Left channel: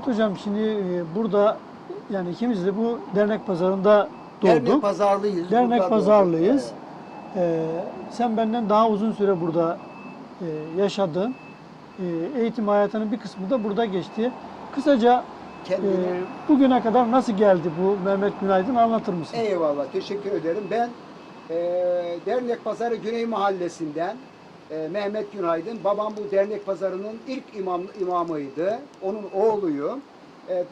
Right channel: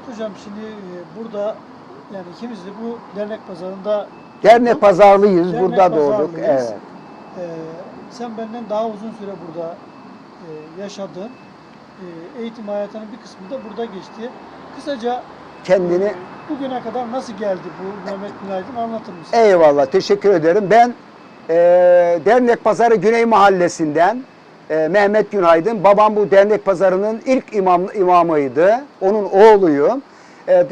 Mehmet Hocam şimdi e, burada yani ikimiz de bu dernek pazarında Dernek pazarlıyız. Dernek burada doğduk. pazarlıyız. Evet. Ee, sen benden daha uzun süre burada e, yaşadın. E, eğitim hayatının bir kısmı da burada geçti. Kısaca Kendini e, bugüne kadar nasıl geldi bu Mehmet Günaydın anlatır mısın? Eyvallah, teşekkür ederim. Ben e, Dernek Pazarı Güney Mahallesi'nden e, Mehmet Günaydın. Babam bu Dernek Pazarı'nın ilk imam, imamıydı. Onun oğluyum. E, e,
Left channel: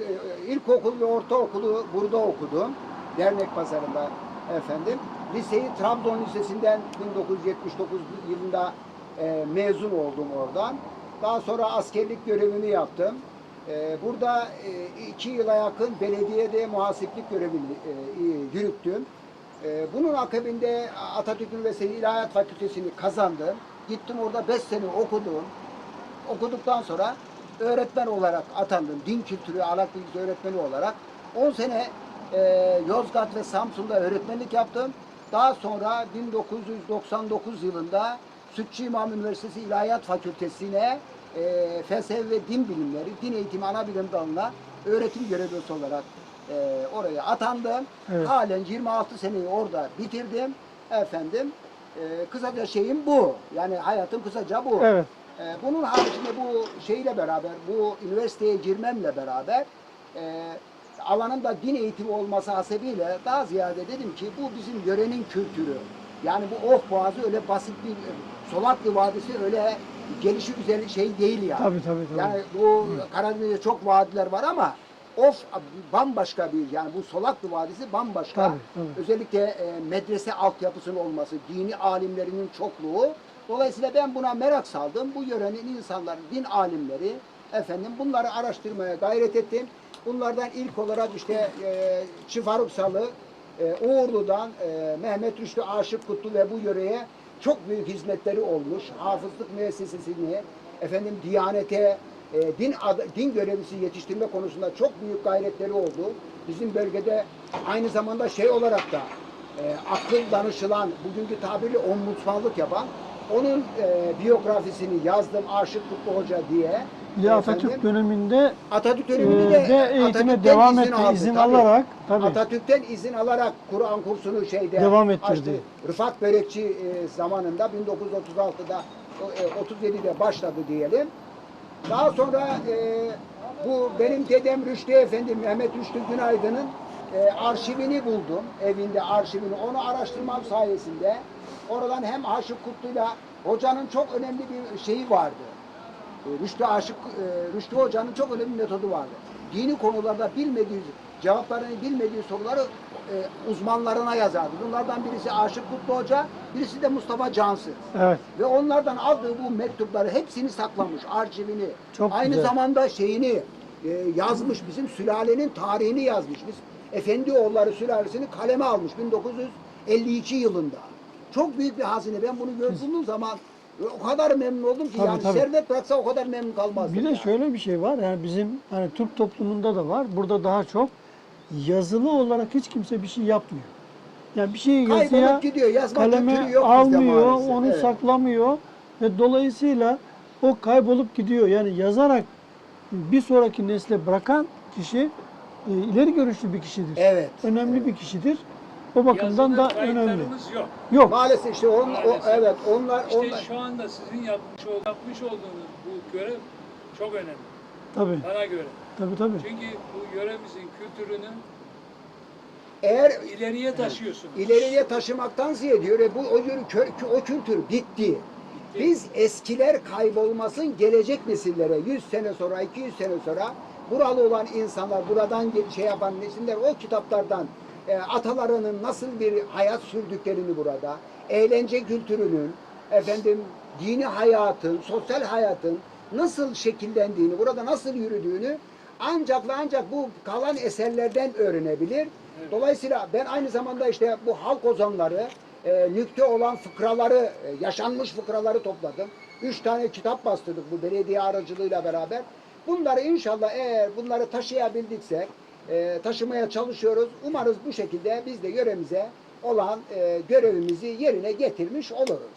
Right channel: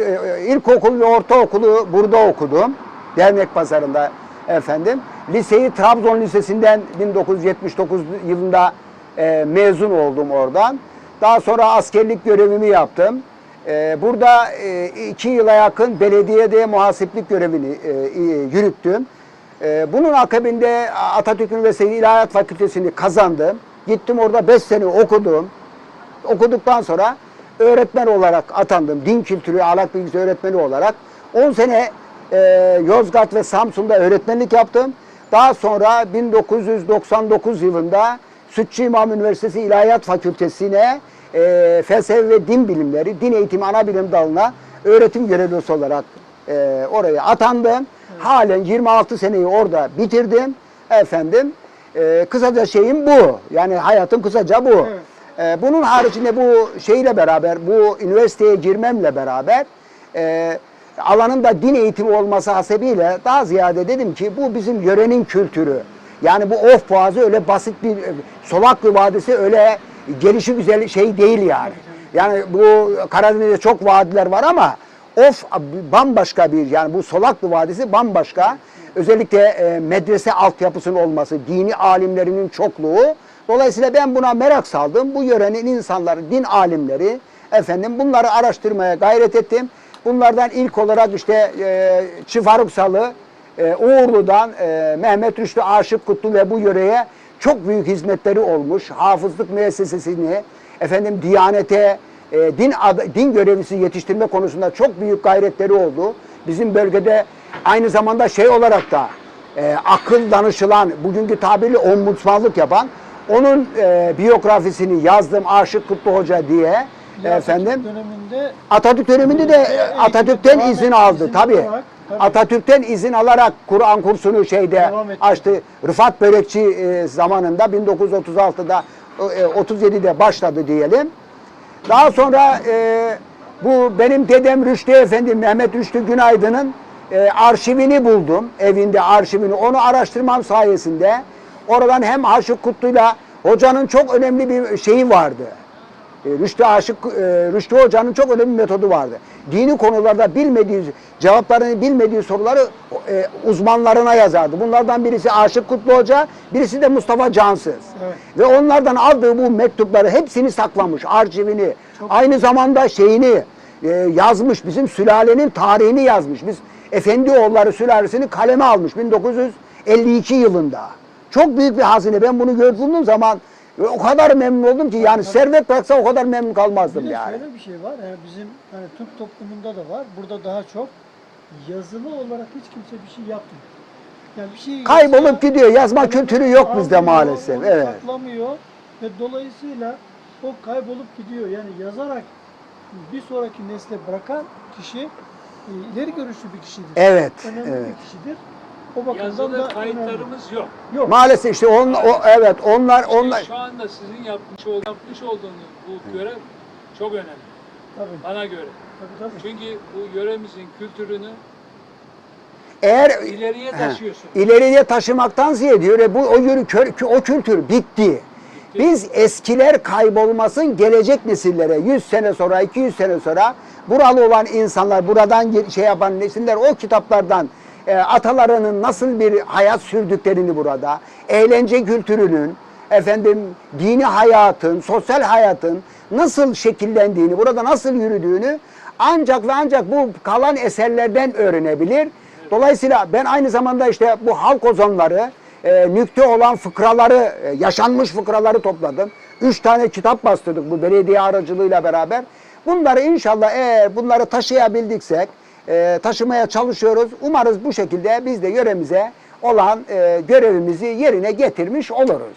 ilkokul ve ortaokulu burada okudum. Dernek Pazarı'nda efendim. Liseyi Trabzon Lisesi'nden 1979 yılında e, mezun oldum oradan. Daha sonra askerlik görevimi yaptım. Ee, Burada e, iki yıla yakın belediyede muhasiplik görevini e, e, yürüttüm. Ee, Bunun akabinde Atatürk Üniversitesi İlahiyat Fakültesini kazandım. Gittim orada 5 sene okudum. Okuduktan sonra öğretmen olarak atandım. Din kültürü, ahlak bilgisi öğretmeni olarak. 10 sene e, Yozgat ve Samsun'da öğretmenlik yaptım. Daha sonra 1999 yılında Sütçü İmam Üniversitesi İlahiyat Fakültesine e, felsefe ve din bilimleri, din eğitimi ana bilim dalına öğretim görevlisi olarak e, oraya atandım. Halen 26 seneyi orada bitirdim. Efendim, e, kısaca şeyim bu. Yani hayatım kısaca bu. Evet. E, bunun haricinde bu şeyle beraber, bu üniversiteye girmemle beraber e, alanın da din eğitimi olması hasebiyle daha ziyade dedim ki bu bizim yörenin kültürü. Yani bu Of Boğazı öyle basit bir Solaklı Vadisi öyle gelişi güzel şey değil yani. Tabii, tabii, tabii. Yani bu Karadeniz'de çok vadiler var ama Of bambaşka bir yani bu Solaklı Vadisi bambaşka. Özellikle e, medrese altyapısının olması, dini alimlerinin çokluğu. Dolayısıyla ben buna merak saldım. Bu yörenin insanları, din alimleri efendim bunları araştırmaya gayret ettim. Bunlardan ilk olarak işte e, Çifaruk Salı, e, Uğurlu'dan e, Mehmet Rüştü Aşık Kutlu ve bu yöreye çok büyük hizmetleri olmuş. Hafızlık müessesesini, efendim Diyanete, e, din din görevlisi yetiştirme konusunda çok büyük gayretleri oldu. Bizim bölgede aynı zamanda şey olarak da e, akıl danışılan, bugünkü tabirle ombudsmanlık yapan, onun e, biyografisini yazdım Aşık Kutlu Hoca diye. Ya efendim. Atatürk döneminde Atatürk döneminde de Atatürk'ten izin etti, aldı izin tabii. alarak, tabii. Atatürk'ten izin alarak Kur'an kursunu şeyde açtı. Rıfat Börekçi e, zamanında 1936'da e, 37'de başladı diyelim. Daha sonra e, bu benim dedem Rüştü Efendi Mehmet Rüştü Günaydın'ın e, arşivini buldum. Evinde arşivini. Onu araştırmam sayesinde oradan hem Aşık Kutlu'yla hocanın çok önemli bir şeyi vardı. E, Rüştü Aşık, e, Rüştü Hoca'nın çok önemli bir metodu vardı. Dini konularda bilmediği, cevaplarını bilmediği soruları e, uzmanlarına yazardı. Bunlardan birisi Aşık Kutlu Hoca, birisi de Mustafa Cansız. Evet. Ve onlardan aldığı bu mektupları hepsini saklamış, arşivini. Çok Aynı güzel. zamanda şeyini yazmış, bizim sülalenin tarihini yazmış. Biz Efendioğulları sülalesini kaleme almış 1952 yılında. Çok büyük bir hazine. Ben bunu gördüğüm zaman o kadar memnun oldum ki yani tabii. servet bıraksa o kadar memnun kalmazdım bir de yani. şöyle bir şey var. Yani bizim hani Türk toplumunda da var. Burada daha çok yazılı olarak hiç kimse bir şey yapmıyor. Yani bir şey Kaybolup yazıyor, gidiyor. Yazma kültürü yok bizde almıyor, maalesef. Onu Evet. saklamıyor ve dolayısıyla o kaybolup gidiyor. Yani yazarak bir sonraki nesle bırakan kişi e, ileri görüşlü bir kişidir. Evet. Önemli evet. bir kişidir. O bakımdan Yazılı da önemli. kayıtlarımız yok. Yok. Maalesef işte on, o, evet onlar İşte onlar şu anda sizin yapmış, ol, yapmış olduğunuz bu görev çok önemli Tabii. bana göre. Tabii tabii. Çünkü bu yöremizin kültürünü eğer ileriye taşıyorsun. ileriye taşımaktan ziyade diyor e, bu o yürü kö- o kültür bitti. Biz eskiler kaybolmasın gelecek nesillere 100 sene sonra 200 sene sonra buralı olan insanlar buradan ge- şey yapan nesiller o kitaplardan e, atalarının nasıl bir hayat sürdüklerini burada eğlence kültürünün efendim dini hayatın sosyal hayatın nasıl şekillendiğini burada nasıl yürüdüğünü ancak ve ancak bu kalan eserlerden öğrenebilir. Dolayısıyla ben aynı zamanda işte bu halk ozanları, e, nükte olan fıkraları, e, yaşanmış fıkraları topladım. Üç tane kitap bastırdık bu belediye aracılığıyla beraber. Bunları inşallah eğer bunları taşıyabildiksek, e, taşımaya çalışıyoruz. Umarız bu şekilde biz de yöremize olan e, görevimizi yerine getirmiş oluruz.